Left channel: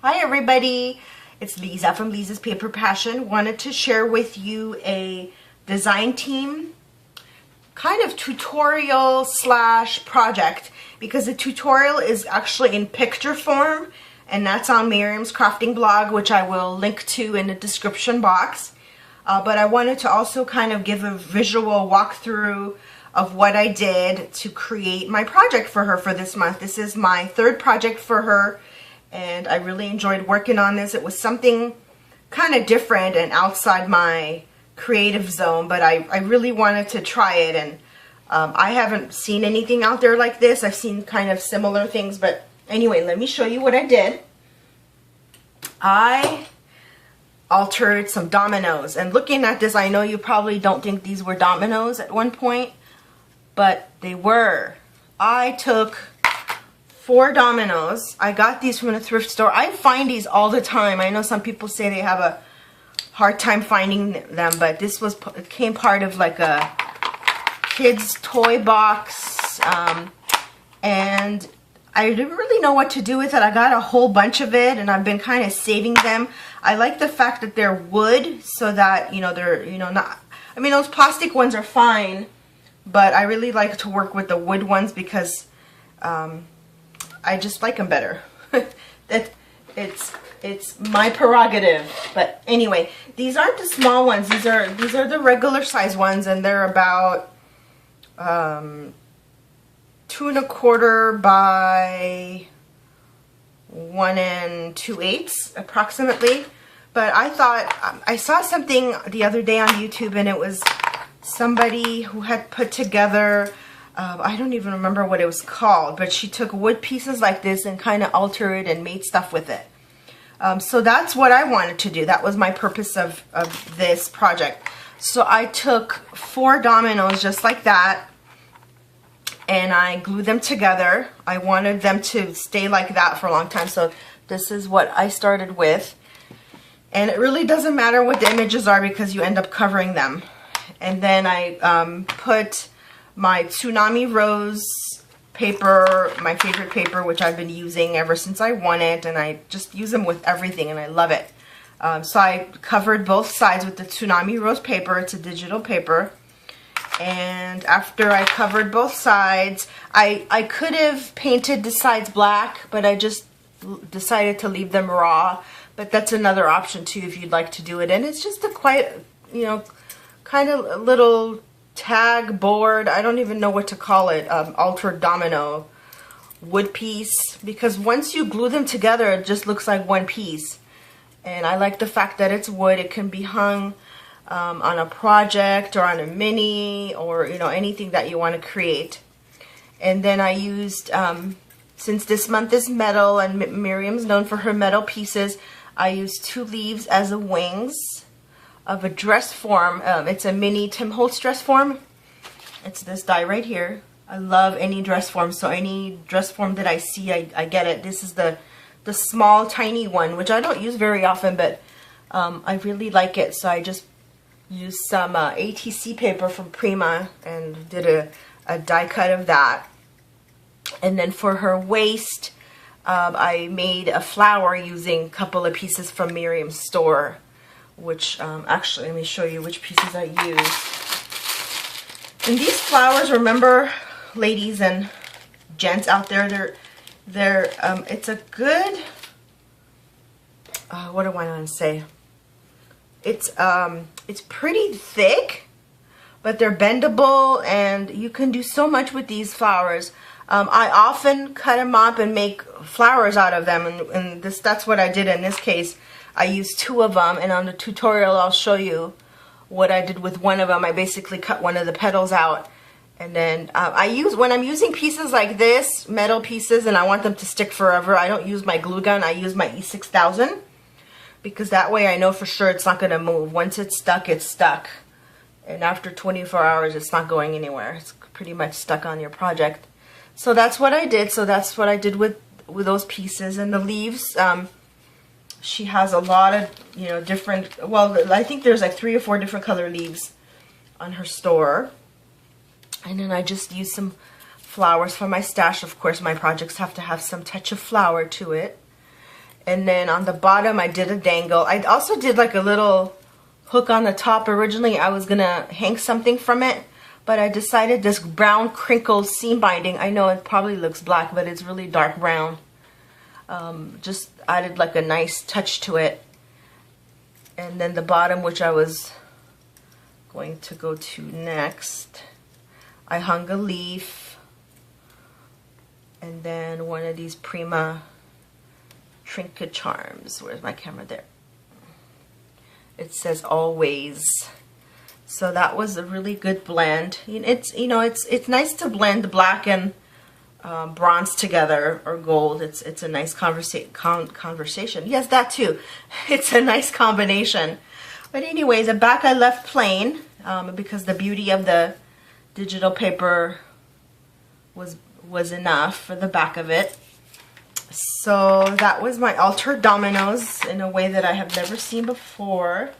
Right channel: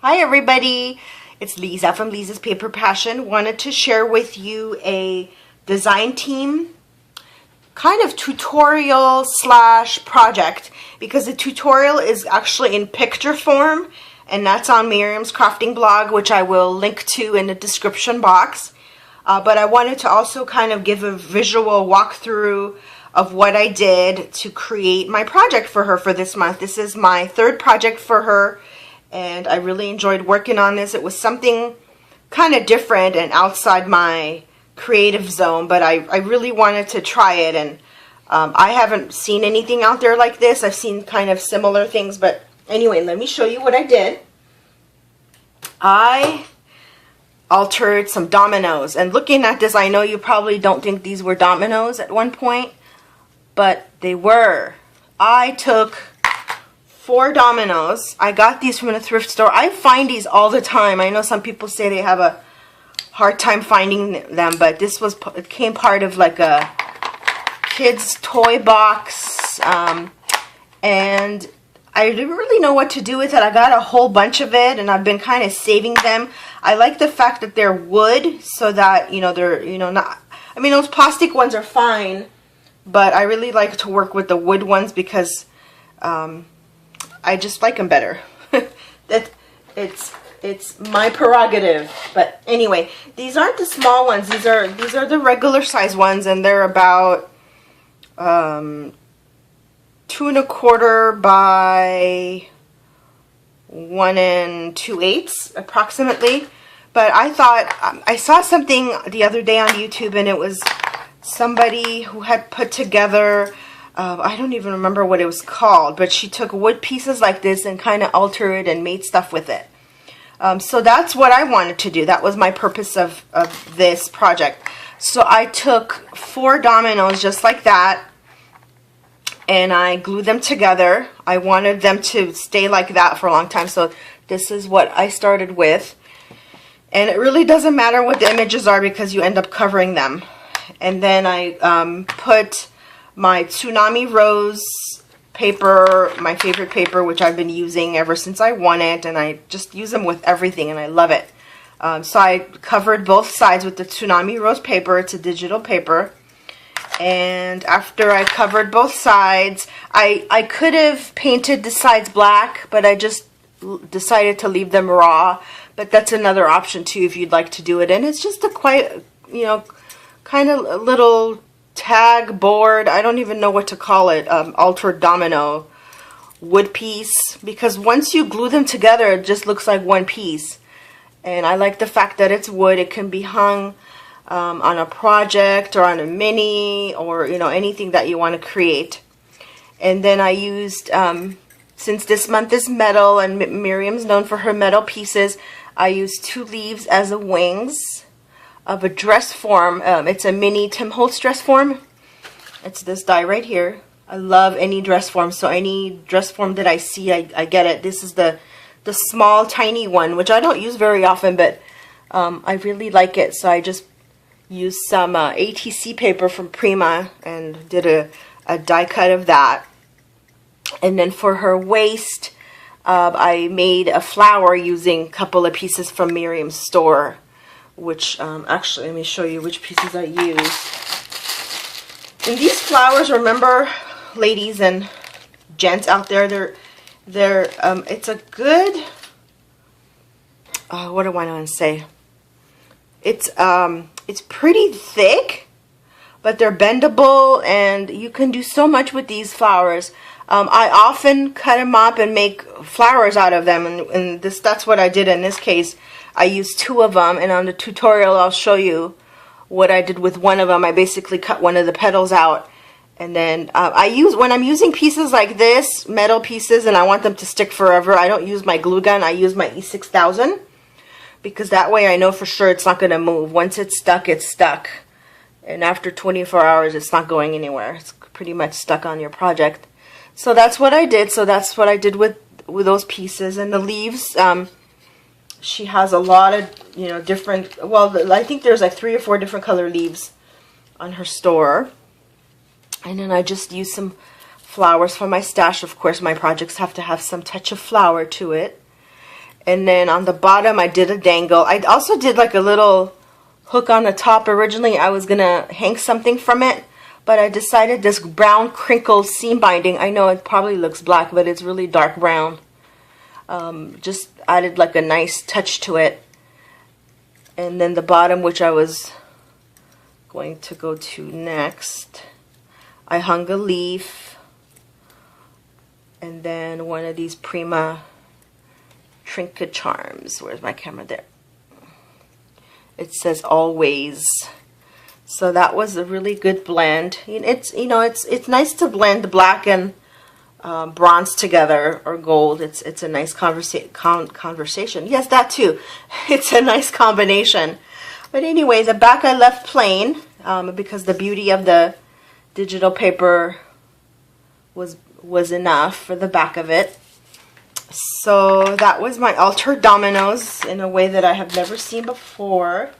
Hi everybody, it's Lisa from Lisa's Paper Passion. Wanted to share with you a design team kind of tutorial slash project, because the tutorial is actually in picture form, and that's on Miriamscraftingblog, which I will link to in the description box. But I wanted to also kind of give a visual walkthrough of what I did to create my project for her for this month. This is my third project for her, and I really enjoyed working on this. It was something kind of different and outside my creative zone, but I really wanted to try it, and I haven't seen anything out there like this. I've seen kind of similar things, but anyway, let me show you what I did. I altered some dominoes, and looking at this, I know you probably don't think these were dominoes at one point, but they were. I took 4 dominoes. I got these from a thrift store. I find these all the time. I know some people say they have a hard time finding them, but this was, it came part of like a kid's toy box, and I didn't really know what to do with it. I got a whole bunch of it, and I've been kind of saving them. I like the fact that they're wood, so that, you know, they're, you know, not, I mean, those plastic ones are fine, but I really like to work with the wood ones because I just like them better. It's my prerogative. But anyway, these aren't the small ones. These are the regular size ones, and they're about 2 1/4 by 1 2/8 approximately. But I thought, I saw something the other day on YouTube, and it was somebody who had put together, I don't even remember what it was called, but she took wood pieces like this and kind of altered it and made stuff with it. So that's what I wanted to do. That was my purpose of this project. So I took 4 dominoes just like that, and I glued them together. I wanted them to stay like that for a long time, so this is what I started with. And it really doesn't matter what the images are because you end up covering them. And then I put my Tsunami Rose paper, my favorite paper, which I've been using ever since I won it, and I just use them with everything, and I love it. So I covered both sides with the Tsunami Rose paper. It's a digital paper. And after I covered both sides, I could have painted the sides black, but I just decided to leave them raw. But that's another option too if you'd like to do it. And it's just a quite, you know, kind of a little tag board. I don't even know what to call it. Altered domino wood piece, because once you glue them together, it just looks like one piece. And I like the fact that it's wood. It can be hung on a project or on a mini, or, you know, anything that you want to create. And then I used, since this month is metal and Miriam's known for her metal pieces, I used 2 leaves as the wings of a dress form. It's a mini Tim Holtz dress form. It's this die right here. I love any dress form, so any dress form that I see, I get it. This is the small tiny one, which I don't use very often, but I really like it. So I just used some ATC paper from Prima and did a die cut of that. And then for her waist, I made a flower using a couple of pieces from Miriam's store, which actually, let me show you which pieces I used. And these flowers, remember, ladies and gents out there, it's a good, what do I want to say? It's pretty thick, but they're bendable, and you can do so much with these flowers. I often cut them up and make flowers out of them, and that's what I did in this case. I used 2 of them, and on the tutorial I'll show you what I did with one of them. I basically cut one of the petals out, and then when I'm using pieces like this, metal pieces, and I want them to stick forever, I don't use my glue gun. I use my E6000, because that way I know for sure it's not going to move. Once it's stuck, it's stuck, and after 24 hours it's not going anywhere. It's pretty much stuck on your project. So that's what I did. So that's what I did with those pieces. And the leaves, she has a lot of, you know, different, well, I think there's like 3 or 4 different color leaves on her store. And then I just used some flowers from my stash. Of course, my projects have to have some touch of flower to it. And then on the bottom, I did a dangle. I also did like a little hook on the top. Originally, I was going to hang something from it, but I decided this brown crinkled seam binding, I know it probably looks black, but it's really dark brown. Just added like a nice touch to it. And then the bottom, which I was going to go to next, I hung a leaf. And then one of these Prima trinket charms. Where's my camera? There. It says always. So that was a really good blend. It's nice to blend black and bronze together, or gold. It's a nice conversation. Yes, that too. It's a nice combination. But anyway, the back I left plain because the beauty of the digital paper was enough for the back of it. So that was my altered dominoes in a way that I have never seen before.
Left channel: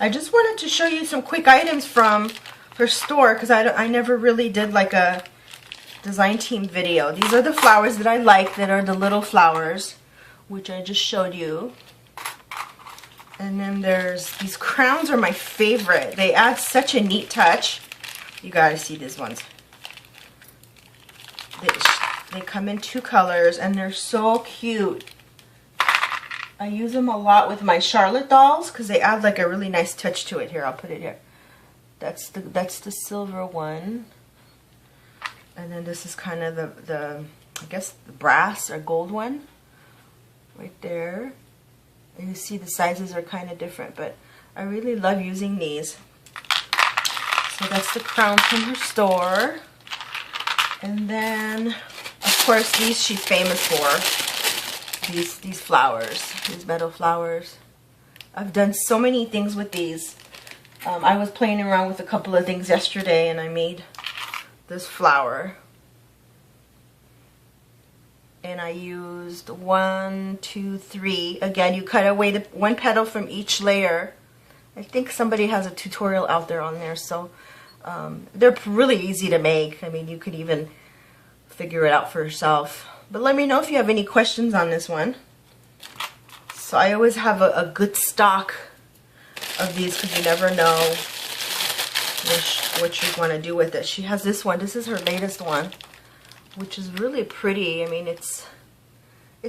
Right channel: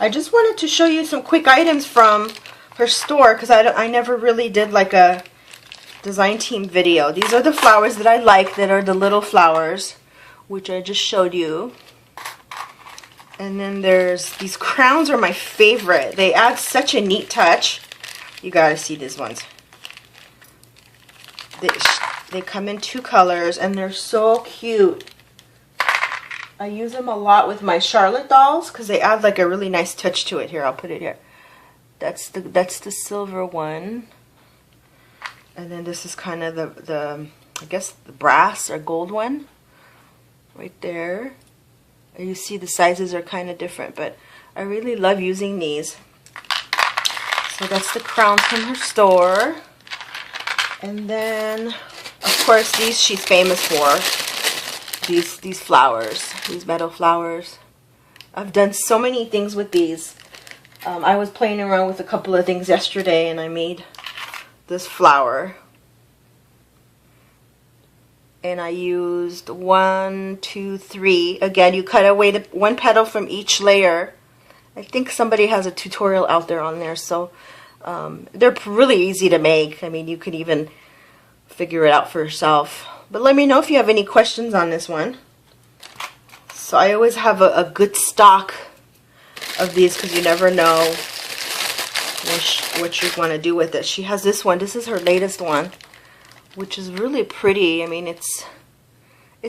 I just wanted to show you some quick items from her store because I never really did like a design team video. These are the flowers that I like, that are the little flowers, which I just showed you. And then there's these crowns are my favorite. They add such a neat touch. You gotta see these ones. They come in 2 colors and they're so cute. I use them a lot with my Charlotte dolls because they add like a really nice touch to it. Here, I'll put it here. That's the silver one. And then this is kind of the I guess the brass or gold one. Right there. And you see the sizes are kind of different, but I really love using these. So that's the crowns from her store. And then, of course, these she's famous for. These flowers, these metal flowers. I've done so many things with these. I was playing around with a couple of things yesterday, and I made this flower. And I used 1, 2, 3. Again, you cut away the 1 petal from each layer. I think somebody has a tutorial out there on there, so they're really easy to make. I mean, you could even figure it out for yourself. But let me know if you have any questions on this one. So I always have a good stock of these because you never know what you're going to do with it. She has this one. This is her latest one, which is really pretty. I mean, it's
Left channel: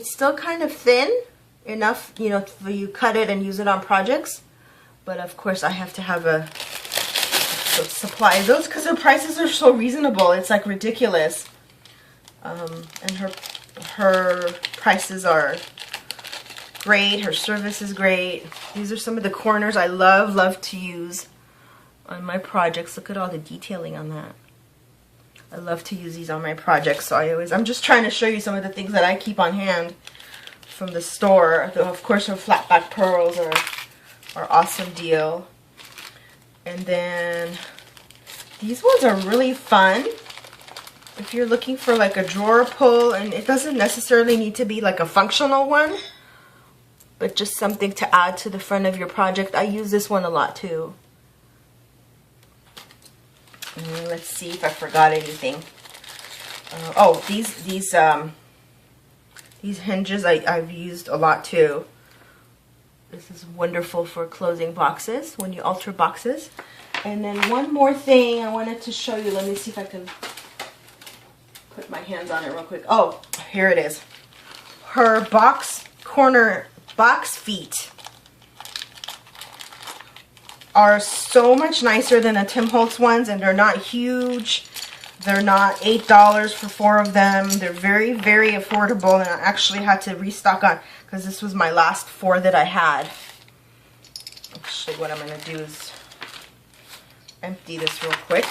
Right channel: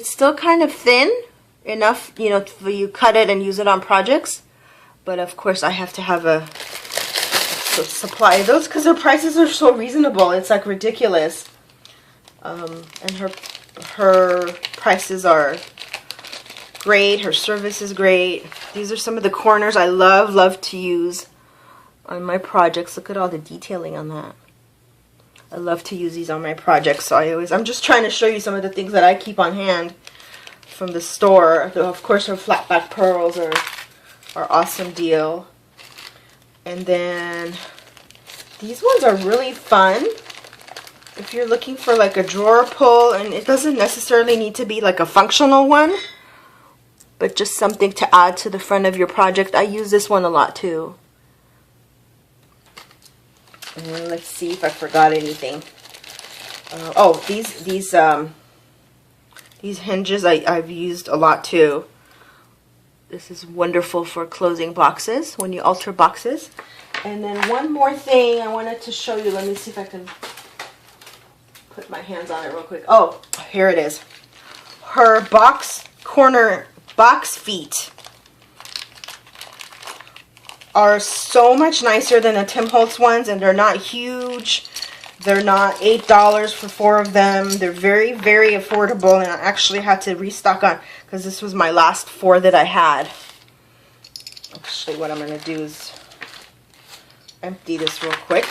still kind of thin enough, you know, for you cut it and use it on projects. But of course, I have to have a supply of those because their prices are so reasonable. It's like ridiculous. And her prices are great. Her service is great. These are some of the corners I love to use on my projects. Look at all the detailing on that. I love to use these on my projects. So I'm just trying to show you some of the things that I keep on hand from the store. Of course, her flat back pearls are awesome deal. And then these ones are really fun. If you're looking for like a drawer pull, and it doesn't necessarily need to be like a functional one, but just something to add to the front of your project. I use this one a lot too. And let's see if I forgot anything. Oh, these hinges I've used a lot too. This is wonderful for closing boxes when you alter boxes. And then one more thing I wanted to show you. Let me see if I can put my hands on it real quick. Oh, here it is. Her corner box feet are so much nicer than the Tim Holtz ones, and they're not huge. They're not $8 for 4 of them. They're very, very affordable, and I actually had to restock on because this was my last 4 that I had. Actually, what I'm going to do is empty this real quick.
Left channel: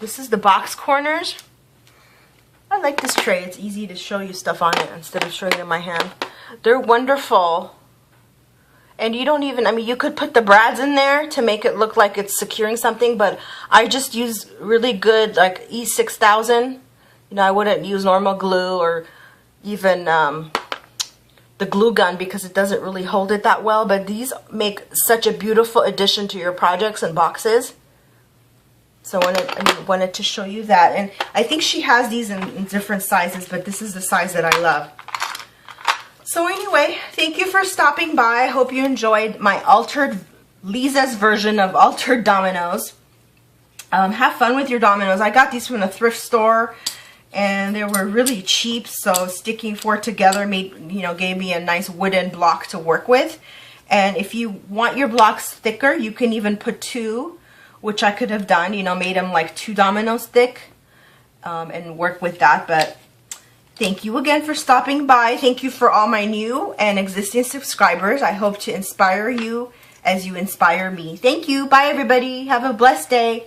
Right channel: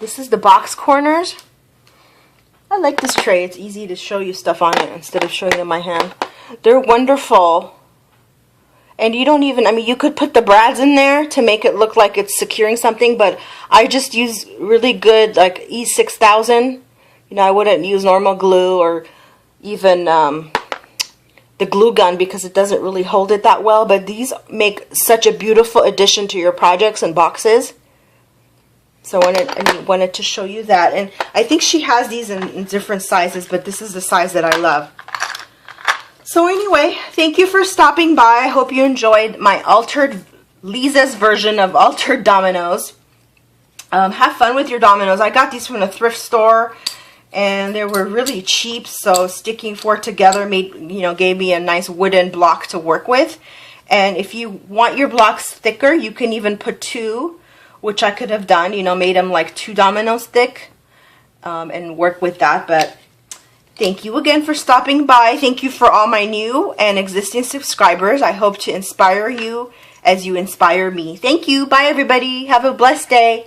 This is the box corners. I like this tray. It's easy to show you stuff on it instead of showing you my hand. They're wonderful. And you don't even, I mean, you could put the brads in there to make it look like it's securing something, but I just use really good, like E6000. You know, I wouldn't use normal glue or even the glue gun because it doesn't really hold it that well, but these make such a beautiful addition to your projects and boxes. So I wanted to show you that. And I think she has these in different sizes, but this is the size that I love. So anyway, thank you for stopping by. I hope you enjoyed my Lisa's version of altered dominoes. Have fun with your dominoes. I got these from the thrift store, and they were really cheap. So sticking four together gave me a nice wooden block to work with. And if you want your blocks thicker, you can even put two, which I could have done. Made them like 2 dominoes thick, and work with that. But thank you again for stopping by. Thank you for all my new and existing subscribers. I hope to inspire you as you inspire me. Thank you. Bye, everybody. Have a blessed day.